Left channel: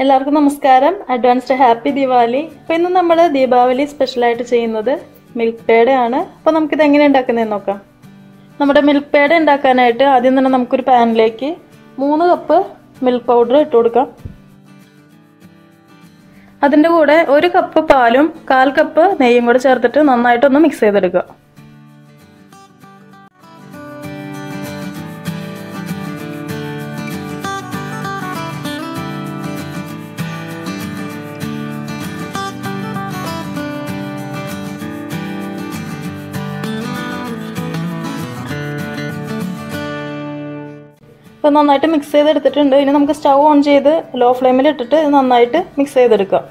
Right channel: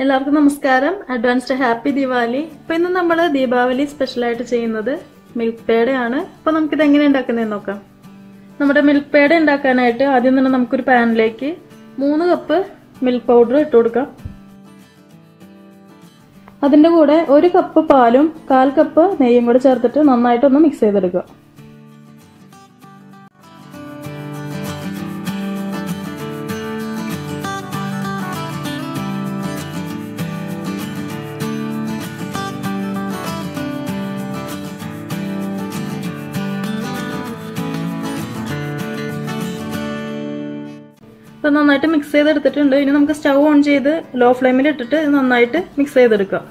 എല്ലാവർക്കും നമസ്കാരം. Advanced happy Diwali. അപ്പോൾ ഇന്ന് നമ്മൾ ദീപാവലി സ്പെഷ്യലായിട്ട് ചെയ്യുന്നത് മിൽക്ക് പേടയാണ്. അപ്പോൾ നമുക്കിത് എങ്ങനെ ഉണ്ടാക്കുന്നതെന്ന് നോക്കാം. നമ്മുടെ മിൽക്ക് പേട ഉണ്ടാക്കാനായിട്ട് ആദ്യം തന്നെ നമുക്കൊരു പാനിലേക്ക് 3 കപ്പ് മിൽക്ക് പൗഡർ ഇട്ട് കൊടുക്കാം. അതിൻ്റെ കൂടെ 1 കപ്പ് പാലും 1/4 കപ്പ് നെയ്യും കൂടെ ചേർത്തിട്ട് നന്നായിട്ടൊന്ന് മിക്സ് ചെയ്തെടുക്കുക. അപ്പോൾ നന്നായിട്ട് മിക്സ് ചെയ്തെടുത്തിട്ടുണ്ട്. ഇനി നമുക്ക് സ്റ്റൗ ഓൺ ചെയ്ത് ലോ ഫ്ലെയിമിൽ ഇട്ടിട്ട് നന്നായിട്ട് മിക്സ് ചെയ്തെടുക്കാം.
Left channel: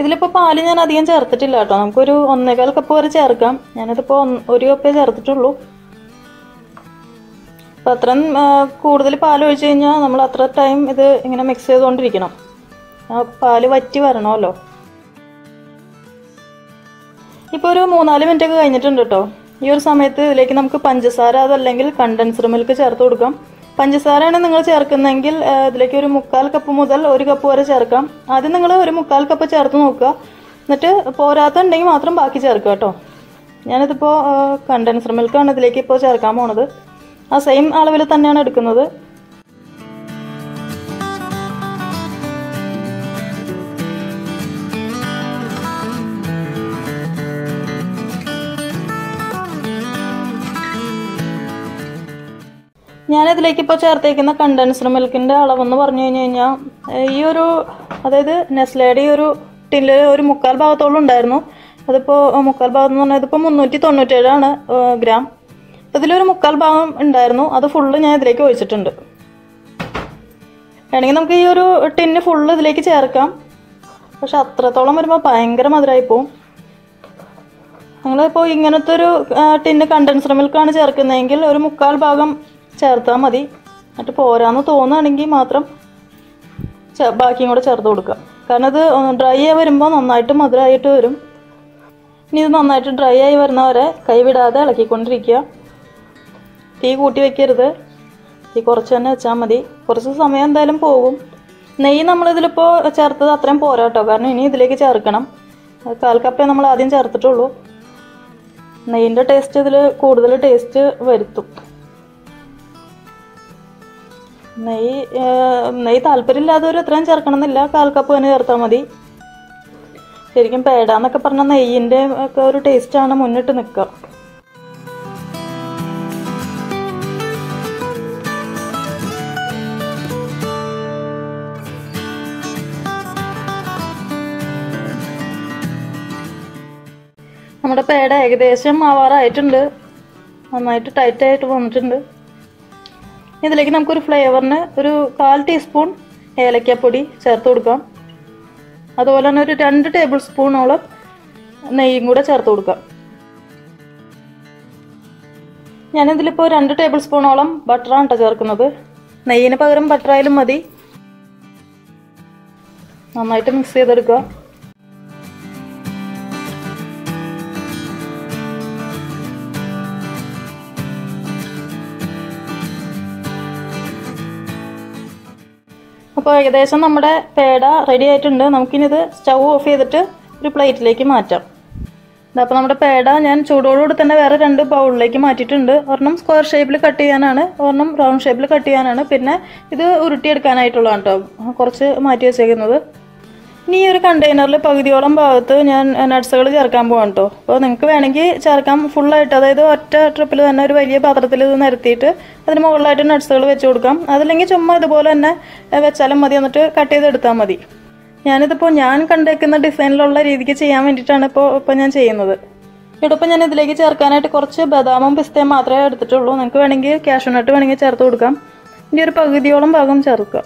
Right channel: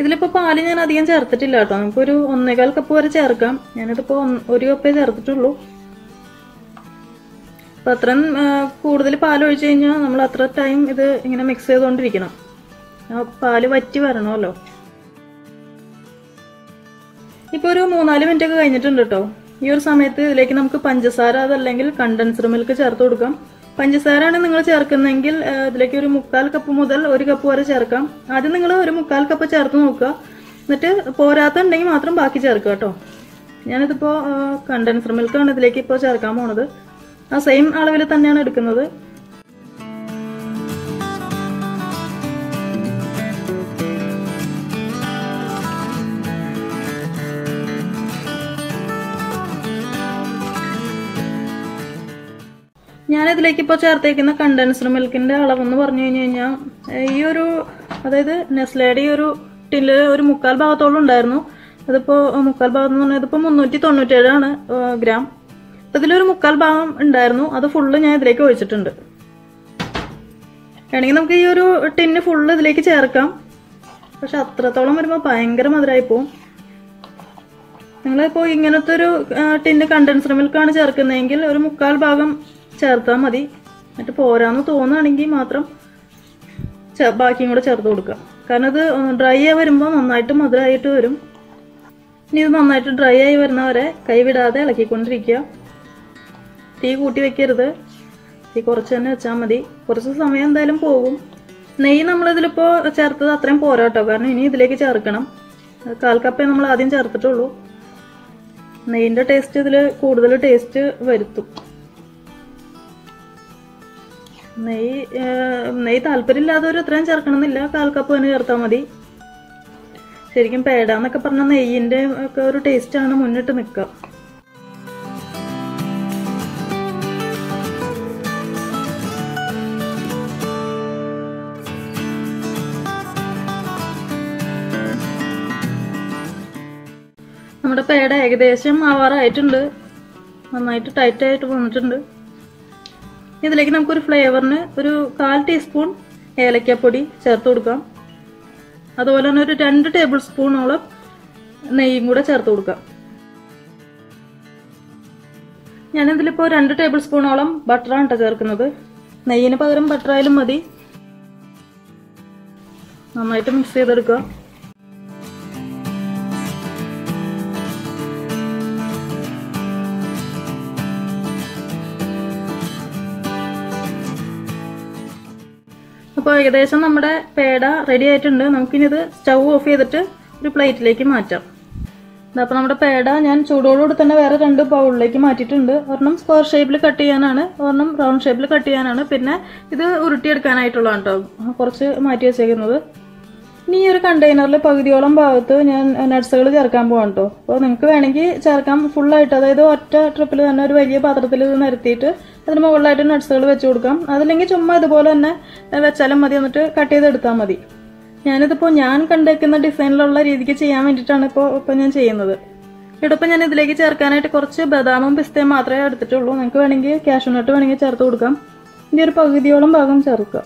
ഇതിലിപ്പോൾ പാല് ഞാൻ അധികം ചേർത്തിട്ടില്ല കേട്ടോ. നമുക്കൊരു 1/4 കപ്പ് വരെ ചേർക്കാം. ഞാനിതിപ്പോൾ 1 കപ്പേ ചേർത്തിട്ടുള്ളൂ. അപ്പോൾ അത്രയും കൂടുതൽ പാൽ ഒഴിച്ച് കഴിഞ്ഞാൽ നമ്മൾ അത്ര ടൈം ഇത് ഇങ്ങനെ മിക്സ് ചെയ്തുകൊണ്ടിരിക്കണം. പാല് വറ്റി വരണമല്ലോ. ഇപ്പോൾ ഒരു 3-4 മിനിറ്റ് ഒക്കെ കഴിഞ്ഞിട്ടുണ്ട് കേട്ടോ. ഈ ഒരു സമയത്ത് ഇതിലേക്ക് നമുക്ക് പഞ്ചസാര അതല്ലെങ്കിൽ കണ്ടൻസ്ഡ് മിൽക്ക് ചേർത്ത് കൊടുക്കാം. പഞ്ചസാരയാണ് നിങ്ങൾ ചേർക്കുന്നതെങ്കിൽ ഇതിലേക്ക് ഒരു 1/4 കപ്പ് മുതൽ 1 കപ്പ് വരെ ചേർക്കാം. ആദ്യം നിങ്ങൾ ഒരു 1/4 കപ്പ് ചേർത്ത് നോക്കുക. എന്നിട്ട് പോരാത്തുണ്ടെങ്കിൽ മാത്രം ബാക്കി ചേർക്കുക കേട്ടോ. ഞാനിതിപ്പോൾ കണ്ടൻസ്ഡ് മിൽക്കാണ് ഇതിലേക്ക് ഇപ്പോൾ ചേർക്കാൻ പോണത്. ആ സെയിം അളവിൽ തന്നെയാണ് എടുക്കുന്നത്. ഞാനിതിലേക്ക് ഇപ്പോൾ ചേർത്തേക്കുന്ന കണ്ടൻസ്ഡ് മിൽക്കിൻ്റെ അളവെന്ന് പറഞ്ഞു കഴിഞ്ഞാൽ ഈ ഒരു അതായത് നെസ്ലയുടെ ഈ ഒരു ടിന്നിൽ ഒരു 1/4 ഭാഗത്തോളം ഉണ്ടായിരുന്നു. അതിപ്പോൾ 1/4 ഭാഗം എന്ന് പറഞ്ഞാൽ ഇതിപ്പോൾ 397 ഗ്രാം. ഇതിലൊരു 1/4 ഭാഗം ഉണ്ടായിരുന്നു. അത് ഫുള്ള് ഞാൻ ഇതിലേക്ക് ഒഴിച്ചിട്ടുണ്ട്. വേണമെങ്കിൽ നമുക്ക് ഈ ഒരു ടിന്ന് ഫുള്ള് ഇതിലേക്ക് ചേർക്കാം. പക്ഷെ അത്രത്തോളം വരുമ്പോൾ ഭയങ്കര മധുരമായി പോവും. നിങ്ങളിപ്പോൾ ഇങ്ങനത്തെ ഒരു ടിന്ന് കണ്ടൻസ്ഡ് മിൽക്കാണ് ചേർക്കുന്നതെങ്കിൽ ഒരു 1/4 ഭാഗം ചേർത്താൽ മതി. എന്നിട്ട് പോരാന്ന് തോന്നുകയാണെങ്കിൽ മാത്രം ബാക്കിയും കൂടെ ചേർത്ത് കൊടുക്കുക. കാരണം ഇത് ഡ്രൈ ആയി വരുമ്പോൾ നന്നായിട്ട് മധുരമായിട്ട് വരും. ഇനി ഇത് നന്നായിട്ട് ഡ്രൈ ആയി വരുന്നവരെ കൈവിടാതെ ഇളക്കിക്കൊണ്ടിരിക്കുക. തീ കൂട്ടി വെക്കരുത്. തീ കുറച്ച് തന്നെ വെച്ചാൽ മതി. കുറച്ച് സമയം എന്തായാലും പോകും. നെയ്യ് നമ്മളിതിലിപ്പോൾ ചേർത്തത് അത്രയും പോരാ കേട്ടോ. കാരണം ഇനി ഇതിലേക്ക് ചേർക്കണം. 1/4 കപ്പേ നമ്മൾ ആദ്യം ചേർത്തിട്ടുള്ളൂ. നെയ്യിൻ്റെ ടേസ്റ്റ് ഇതിൽ കൂടുതൽ ടേസ്റ്റ് വരുത്തും. നെയ്യ് താല്പര്യമില്ലാത്തവർ എത്രയും ചേർക്കണം എന്നില്ല. 1/4 കപ്പ് തന്നെ ചേർത്താൽ മതി. ശരിക്കും പേട എന്നൊക്കെ പറഞ്ഞാൽ നെയ്യിൻ്റെ ഒക്കെ ഒരു ടേസ്റ്റാണ് മുന്നിട്ട് നിൽക്കുക. നമ്മുടെ പേട ഏകദേശം ആവാറായിട്ടുണ്ട്. നന്നായിട്ട് ടൈറ്റായിട്ട് വന്നിട്ടുണ്ട്. ഇതിലേക്ക് നമുക്കൊരു ഫ്ലേവറിന് ഒരു 1/4 ടീസ്പൂൺ ഏലക്കാപ്പൊടി ചേർത്ത് കൊടുക്കാം. അതുപോലെ തന്നെ ഒരു 2 ടേബിൾ സ്പൂണോളം നെയ്യും കൂടെ ചേർത്ത് കൊടുക്കാം. ഞാനിതിലിപ്പോൾ 2 ടേബിൾ സ്പൂണോളം ബട്ടറാണ് കേട്ടോ ചേർക്കുന്നത്. നെയ്യിന് പകരം ബട്ടറായാലും മതി. നന്നായിട്ട് മിക്സ് ചെയ്തെടുക്കുക. അപ്പോൾ ഏകദേശം നമ്മുടെ പേട റെഡി ആയിട്ടുണ്ട്. നമുക്കിനി ഇത് സ്റ്റൗ ഓഫ് ചെയ്തിട്ട് ഒരു പ്ലേറ്റിലേക്ക് മാറ്റാം. അപ്പോൾ നമ്മുടെ പേട ഞാൻ ചൂടോടുകൂടി തന്നെ വേറെ 2 ബൗളിലേക്ക് മാറ്റിയിട്ടുണ്ട്. ഒരെണ്ണം സ്ക്വയർ ഷേപ്പിൽ കട്ട് ചെയ്യാനാണ്, ഒരെണ്ണം റൗണ്ട് ഷേപ്പിൽ കട്ട് ചെയ്യാനാണ്. പിന്നെ ഇത് ഉരുട്ടിയെടുക്കാനായിട്ടുള്ളതാണ് കേട്ടോ കുറച്ച് മാറ്റി വെച്ചേക്കുന്നത്. ഇനി ഈ ഒരു കണ്ടെയ്നറിൽ പകുതിയോളം ഭാഗത്ത് ഞാൻ നട്ട്സുകൾ ചേർക്കാൻ പോകാം കേട്ടോ. അപ്പോൾ നിങ്ങൾക്ക് വേണമെങ്കിൽ ചേർക്കാം ഫുള്ളായിട്ട്. അതായത് ഒറ്റ ട്രിപ്പിൽ തന്നെ ഒരു വലിയ പാത്രത്തിൽ ഇത് നിരത്തിയിട്ട് അതിന് മുകളിലായിട്ട് നട്ട്സുകൾ വെച്ച് കൊടുക്കാം. അതല്ലെങ്കിൽ ചുമ്മാ ഇതുപോലെ തന്നെ വെച്ചാലും മതി. എന്നിട്ട് കട്ട് ചെയ്തെടുത്താൽ മതി. ഞാനിതിപ്പോൾ ഞാൻ കണ്ടേക്കുന്ന ഡിസൈനിലുള്ള രീതിക്ക് ചെയ്യാൻ വേണ്ടിയിട്ടാണ് ഇപ്പോൾ ഞാൻ ചെയ്യുന്നത്. ഇവിടെ ഞാൻ ഇതിലേക്ക് ചേർക്കാനായിട്ട് കുറച്ച് ബദാമും പിസ്തയും മാത്രമേ എടുത്തിട്ടുള്ളൂ. നിങ്ങൾക്ക് വേണമെങ്കിൽ കാഷ്യൂ നട്ട് വേണമെങ്കിൽ ചേർത്ത് കൊടുക്കാം. ഇനി ഒരു പകുതിയോളം ഭാഗം ചേർക്കുക.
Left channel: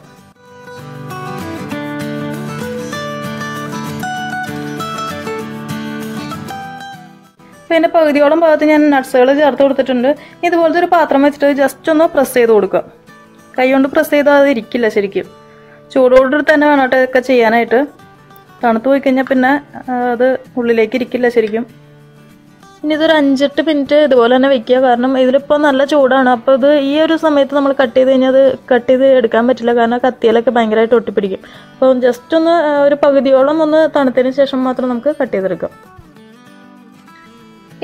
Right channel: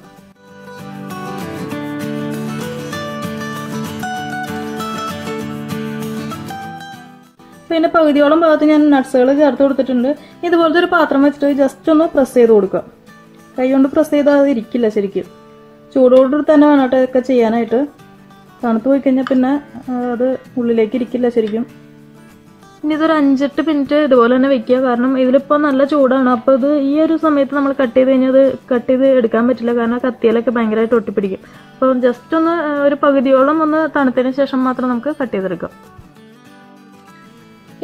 പിന്നെ പകുതിയോളം ഭാഗത്ത് ഞാൻ നട്ട്സുകൾ ചേർത്ത് കൊടുത്തിട്ടുണ്ട്. ഇതുപോലത്തെ ഒരു പാത്രം വെച്ചിട്ട് ജസ്റ്റ് ഒന്ന് പ്രസ് ചെയ്ത് കൊടുക്കുക. കൈ കൊണ്ട് പ്രസ് ചെയ്താൽ അത് ഇരിക്കില്ല ശരിക്കും. ചൂടോടെ തന്നെ വേണം കേട്ടോ ഇതൊക്കെ ചെയ്യാനായിട്ട്. തണുത്ത് പോയി കഴിഞ്ഞാൽ പിന്നെ അത് ഉള്ളിലേക്ക് ഇരിക്കില്ല ശരിക്കും. ഇനി ഇതൊരു 5-8 മിനിറ്റ് ഇതുപോലെ തന്നെ വെക്കുക. കാരണം ഇതിലിപ്പോൾ നല്ല ചൂടാണ്. അപ്പോൾ ഇത് ഈ ഒരു സമയത്ത് നമ്മൾ കട്ട് ചെയ്ത് കഴിഞ്ഞാൽ അത് കട്ട് ചെയ്ത് എടുക്കാൻ പറ്റില്ല. കാരണം കത്തിയിലൊക്കെ ഭയങ്കരമായിട്ട് ഒട്ടിപ്പിടിക്കും. അപ്പോൾ ജസ്റ്റ് ഒന്ന് ഒരു പകുതിയോളം ഒന്ന് തണുത്തതിന് ശേഷം മാത്രം നമുക്ക് കട്ട് ചെയ്തെടുക്കാം.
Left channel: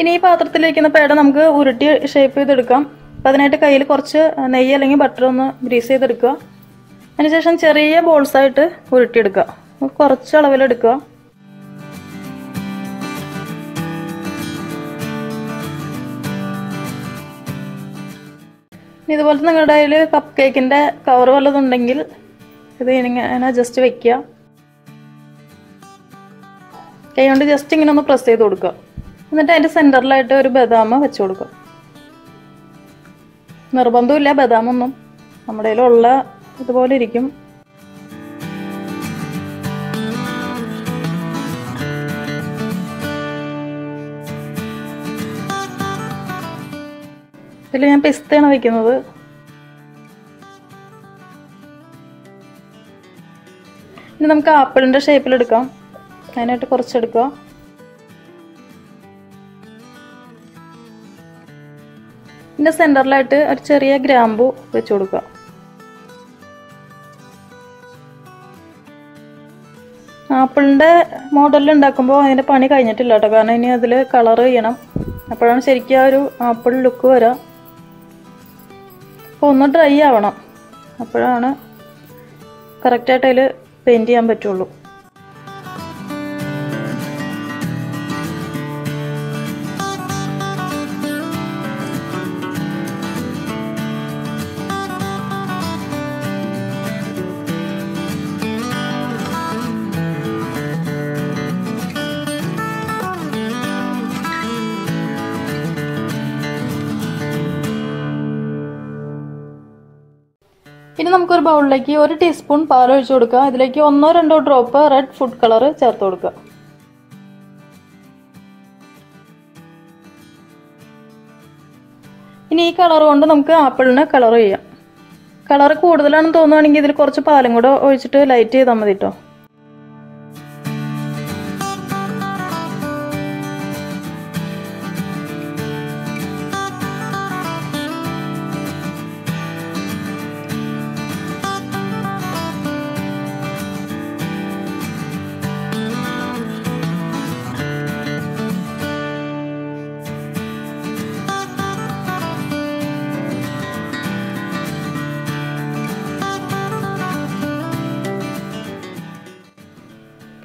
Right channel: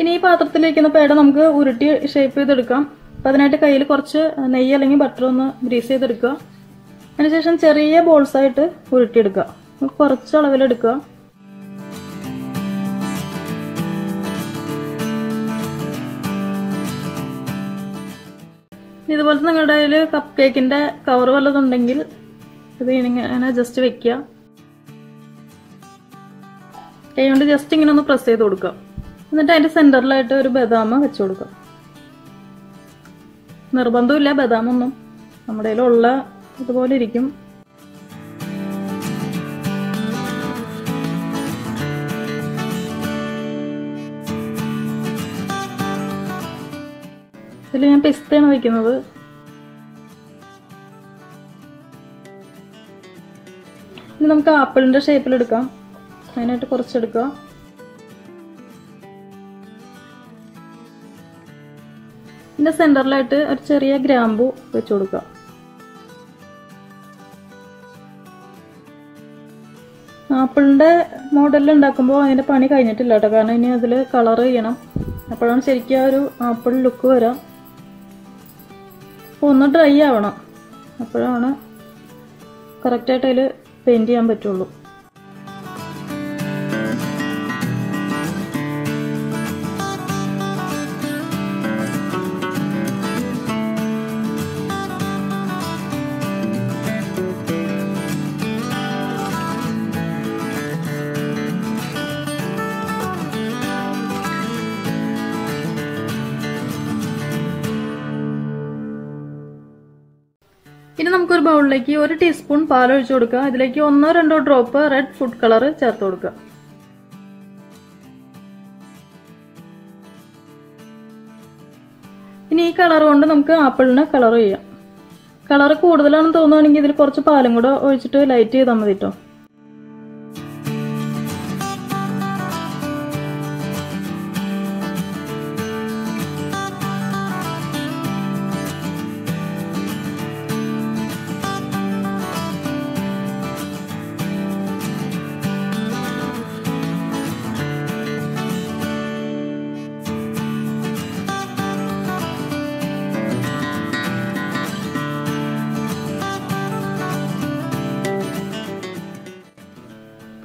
ഇനി ഈ പാത്രത്തിലിരിക്കുന്ന പേട നമുക്ക് ഉരുട്ടി ഷേപ്പ് ചെയ്തെടുക്കാം. അപ്പോൾ അതിനായിട്ട് കയ്യിൽ കുറച്ച് നെയ്യ് അല്ലെങ്കിൽ ബട്ടർ ഒന്ന് ഗ്രീസ് ചെയ്തെടുക്കുക. അതിനുശേഷം ചെറിയ ബോൾസായിട്ട് ഉരുട്ടിയെടുക്കുക. കുറച്ച് അളവിലെടുക്കുക. ഇതുപോലത്തെ നിങ്ങളുടെ കയ്യിൽ കപ്പ് കേക്കിൻ്റെ കവർ വല്ലതുണ്ടെങ്കിൽ ഇത് ഇങ്ങനെ ജസ്റ്റ് വെക്കുക. കൈ കൊണ്ട് ജസ്റ്റ് ഇങ്ങനെ ഒന്ന് പ്രസ് ചെയ്ത് കൊടുക്കുക. എന്നിട്ട് അതിൻ്റെ സെൻറ്ററിലായിട്ട് ഒരു ബദാം വെച്ച് കൊടുക്കുക. നിർബന്ധമില്ല ബദാമൊന്നും, നമ്മുടെ കയ്യിലുള്ള ഇതുപോലെ ഇരിക്കും. ഇതിൽ ഞാൻ പിസ്തയാണ് വയ്ക്കുന്നത്. ഇനി നമുക്ക് ആപ്പിളിൻ്റെ ഷേപ്പിലെടുക്കാം. അതിനായിട്ട് കുറച്ചെടുക്കുക. ഇതിൻ്റെ സെൻറ്ററിലായിട്ട് ഒരു ചെറിയ ഗ്രാമ്പു വെച്ച് കൊടുക്കുക. ആപ്പിളിൻ്റെ മോഡലിൽ ഉണ്ടാക്കുമ്പോൾ അതിൻ്റെ പണി കഴിഞ്ഞിട്ടില്ല കേട്ടോ. കാരണം ഇനി അതിൽ കളർ ചെയ്യണം. അപ്പോഴാണ് ശരിക്കും ആ ഒരു ആപ്പിൾ ലുക്ക് വരാം. അപ്പോൾ ഒന്ന് ഡ്രൈ ആവണം. അപ്പോഴാണ് കറക്റ്റായിട്ട് അതിൽ പെയിൻറ്റ് ചെയ്യാൻ പറ്റുള്ളൂ. ഇനി നമുക്കൊരു ബൗളിലേക്ക് 1 ടീസ്പൂൺ പാൽ ഒഴിച്ചു കൊടുക്കുക. ഇതിലേക്ക് 1-2 ഡ്രോപ്പ് റെഡ് ഫുഡ് കളർ ചേർത്ത് കൊടുക്കുക. ഇനി ഈ കളർ കൊണ്ട് നമുക്ക് ആപ്പിളിന് കളർ ചെയ്യാം. കളർ കൂടുതലാണെന്ന് തോന്നുകയാണെങ്കിൽ ഇതിൽ കുറച്ച് പാലും കൂടെ ഒഴിച്ചിട്ട് ലൈറ്റ് ചെയ്താൽ മതി കേട്ടോ.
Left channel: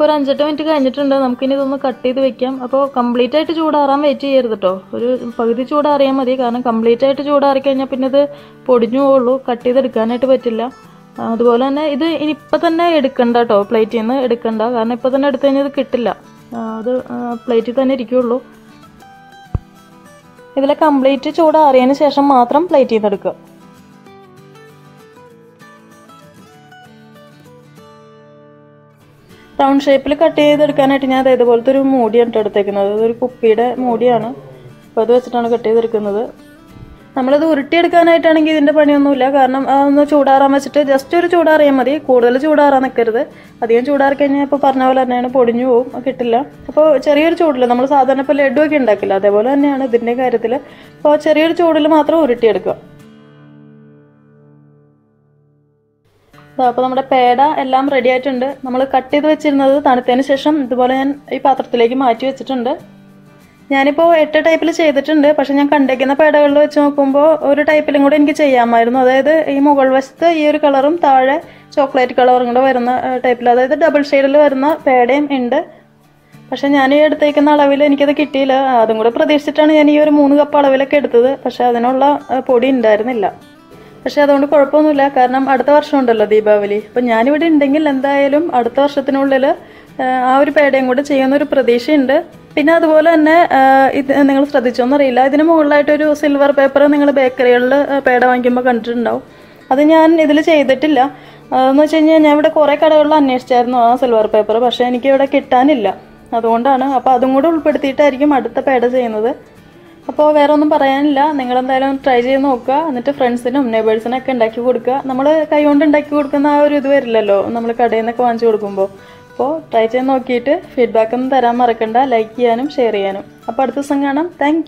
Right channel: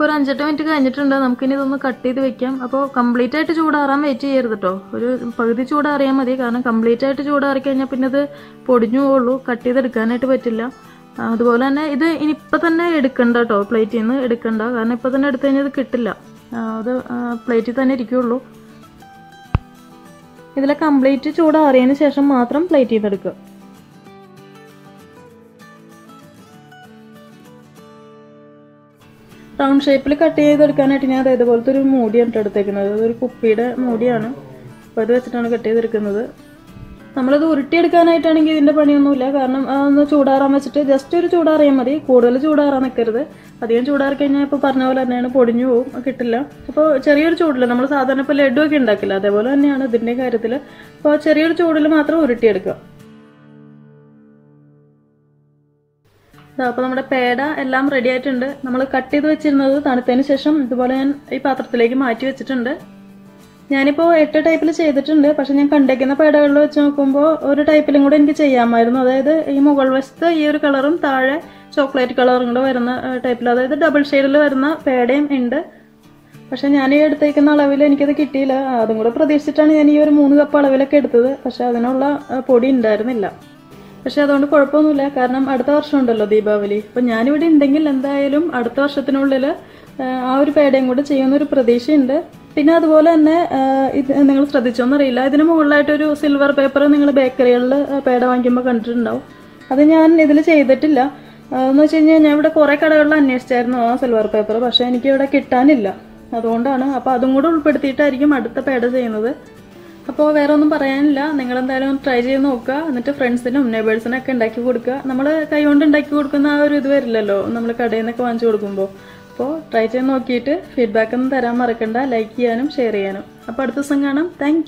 ഇപ്പോൾ ഒരു 5-8 മിനിറ്റ് കഴിഞ്ഞിട്ടുണ്ട്. നമുക്കിനി ഇതൊന്ന് കട്ട് ചെയ്ത് വെക്കാം. അപ്പോൾ കംപ്ലീറ്റ് ആയിട്ട് ചൂടാറാൻ വെയിറ്റ് ചെയ്യരുത് കേട്ടോ. ഒരു പകുതി ചൂടാറിയാൽ മതി. കാരണം കംപ്ലീറ്റ് ആയിട്ട് ചൂടാറി കഴിഞ്ഞാൽ പിന്നെ ഇത് പൊടിഞ്ഞു പോവുള്ളൂ. കട്ട് ചെയ്തെടുക്കാനായിട്ട് പറ്റില്ല. അതുപോലെ തന്നെ ഇത് ഇനിയിപ്പോൾ തന്നെ എടുക്കണ്ട കേട്ടോ. പ്ലേറ്റിൽ നിന്ന് എടുക്കണ്ട. കാരണം ഇപ്പോൾ തന്നെ എടുത്തു കഴിഞ്ഞാൽ ഇത് കിട്ടില്ല. അത് പ്ലേറ്റിൽ തന്നെ ഇരിക്കുകയുള്ളൂ. ഇതിലെ കംപ്ലീറ്റ് ചൂടാറിയതിന് ശേഷം മാത്രം പ്ലേറ്റിൽ നിന്ന് എടുക്കുക. റൗണ്ട് ഷേപ്പിൽ കട്ട് ചെയ്തെടുക്കാനായിട്ട് ഞാൻ ഇതുപോലത്തെ ഒരു മൂടിയാണ് എടുത്തേക്കുന്നത്. ഇതൊരു കുപ്പിയുടെ മൂടിയാണ്. അപ്പോൾ അത് വെച്ചിട്ടാണ് കട്ട് ചെയ്തെടുക്കുന്നത്. നമ്മളിത് ഉരുട്ടിയെടുക്കാനായിട്ടാണെങ്കിൽ ഇതിൻ്റെ പണിയൊന്നുമില്ല. കാരണം അതൊന്ന് ചൂടാറാൻ വെച്ചിട്ട് ജസ്റ്റ് ഒരു ചൂടാറിയാൽ മതി. കൂടുതൽ ചൂടാറാൻ നിൽക്കരുത്. അധികം ചൂടാറി കഴിഞ്ഞാൽ ഇപ്പോൾ പറഞ്ഞ പോലെ തന്നെയാണ് പൊടിഞ്ഞു പോവും, കിട്ടില്ല. അപ്പോൾ ചെറിയൊരു ചൂടിൽ നമ്മൾ സാധാരണ ഇപ്പോൾ ലഡു ഒക്കെ ഉണ്ടാക്കില്ല, അതേപോലെ തന്നെയാണ് ഇതിൻ്റെ കാര്യത്തിൽ. അപ്പോൾ ചെറിയൊരു ചൂടിൽ മാത്രം ഉരുട്ടിയെടുക്കുക. അപ്പോൾ നമ്മുടെ പേട എല്ലാം റെഡി ആയിട്ടുണ്ട്. നമ്മൾ കട്ട് ചെയ്ത് വെച്ചിരുന്നത് തണുത്തതിന് ശേഷം ഇതുപോലെ ഞാൻ ഈ പാത്രത്തിലേക്ക് മാറ്റി വെച്ചിട്ടുണ്ട്. ഞാനിപ്പോൾ 8 ടൈപ്പിൽ ചെയ്തിട്ടുണ്ട്. പക്ഷെ ഞാൻ കണ്ടേക്കുന്ന പേടകളിൽ വെച്ച് നോക്കുമ്പോൾ ഒരു ടൈപ്പിലും കൂടി എനിക്ക് ചെയ്യാമായിരുന്നു. അതായത് ഈ മുകൾ വശത്ത് ഈ ഒരു കളറും താഴെ ചോക്ലേറ്റ് കളറും കൂടെ വരുന്ന ടൈപ്പിൽ, അതായത് ഡബിൾ ഷെയ്ഡിൽ വരുന്ന പേടയും ഉണ്ട്. പക്ഷെ ഞാൻ ഈ എടുത്തേക്കുന്ന അളവിൽ എനിക്കത് കിട്ടിയില്ല. അതും കൂടെ പ്രതീക്ഷിച്ചിട്ടാണ് ഞാൻ ഈ ഒരു 3 കപ്പ് അളവിലൊക്കെ എടുത്തത്. പക്ഷെ അതിനുള്ള പൊടി ഉണ്ടായിരുന്നില്ല. പക്ഷെ അതുകൊണ്ട് കുഴപ്പമൊന്നുമില്ല. കാരണം അടുത്ത വർഷം ഉണ്ടല്ലോ ദീപാവലി. അപ്പം ഞാനിവിടെ ഉണ്ടെങ്കിൽ എന്തായാലും അടുത്ത വർഷത്തിനുള്ളിൽ ആ ഒരു പേടയും കൂടെ ചെയ്യുന്നൊരു പ്രതീക്ഷയുണ്ട്. പിന്നെ അതുപോലെ തന്നെ ഇത് നിങ്ങൾ ശ്രദ്ധിച്ചോന്നറിയില്ല, ഇതിന് മുകളിലായിട്ടൊരു സിൽവർ പേപ്പർ നിങ്ങൾ ബേക്കറികളിൽ പേട വാങ്ങിക്കുമ്പോൾ കണ്ടിട്ടുണ്ടാവും. അത് ഞാൻ ഇതിൽ ചെയ്തിട്ടില്ല. അതെന്ന് വെച്ച് കഴിഞ്ഞാൽ ഞാൻ ഇവിടെ കുറേ കടകളിൽ അന്വേഷിച്ചായിരുന്നു ആ സിൽവർ പേപ്പർ. പക്ഷേ എനിക്കിവിടെ കിട്ടാനില്ല. അതുകൊണ്ടാണ്. അപ്പോൾ അതും കൂടെ ഉൾപ്പെടുത്തിയിട്ടായിരിക്കും അടുത്ത പേട ചെയ്യുന്നത്. അപ്പോൾ വേറെ ഒന്നും പറയാനില്ല. നിങ്ങളെന്തായാലും ട്രൈ ചെയ്ത് നോക്കുക. എന്നിട്ട് ഫ്രണ്ട്സിനും നെയ്ബേഴ്സിനൊക്കെ ഉണ്ടാക്കി കൊടുക്കുക. നമ്മൾ കൈ കൊണ്ട് ഉണ്ടാക്കി കൊടുക്കുന്ന ആ ഒരു ഇത് വരില്ലല്ലോ നമ്മൾ കടയിൽ നിന്നൊക്കെ വാങ്ങിച്ചു കൊടുക്കുമ്പോൾ. അപ്പോൾ ട്രൈ ചെയ്ത് നോക്കിയിട്ട് ഫീഡ്ബാക്ക് ഒന്നും തരാൻ മറക്കണ്ട. ലൈക്ക് ചെയ്യാനും ഷെയർ ചെയ്യാനും. അപ്പോൾ അടുത്ത ദിവസം കാണാം. താങ്ക്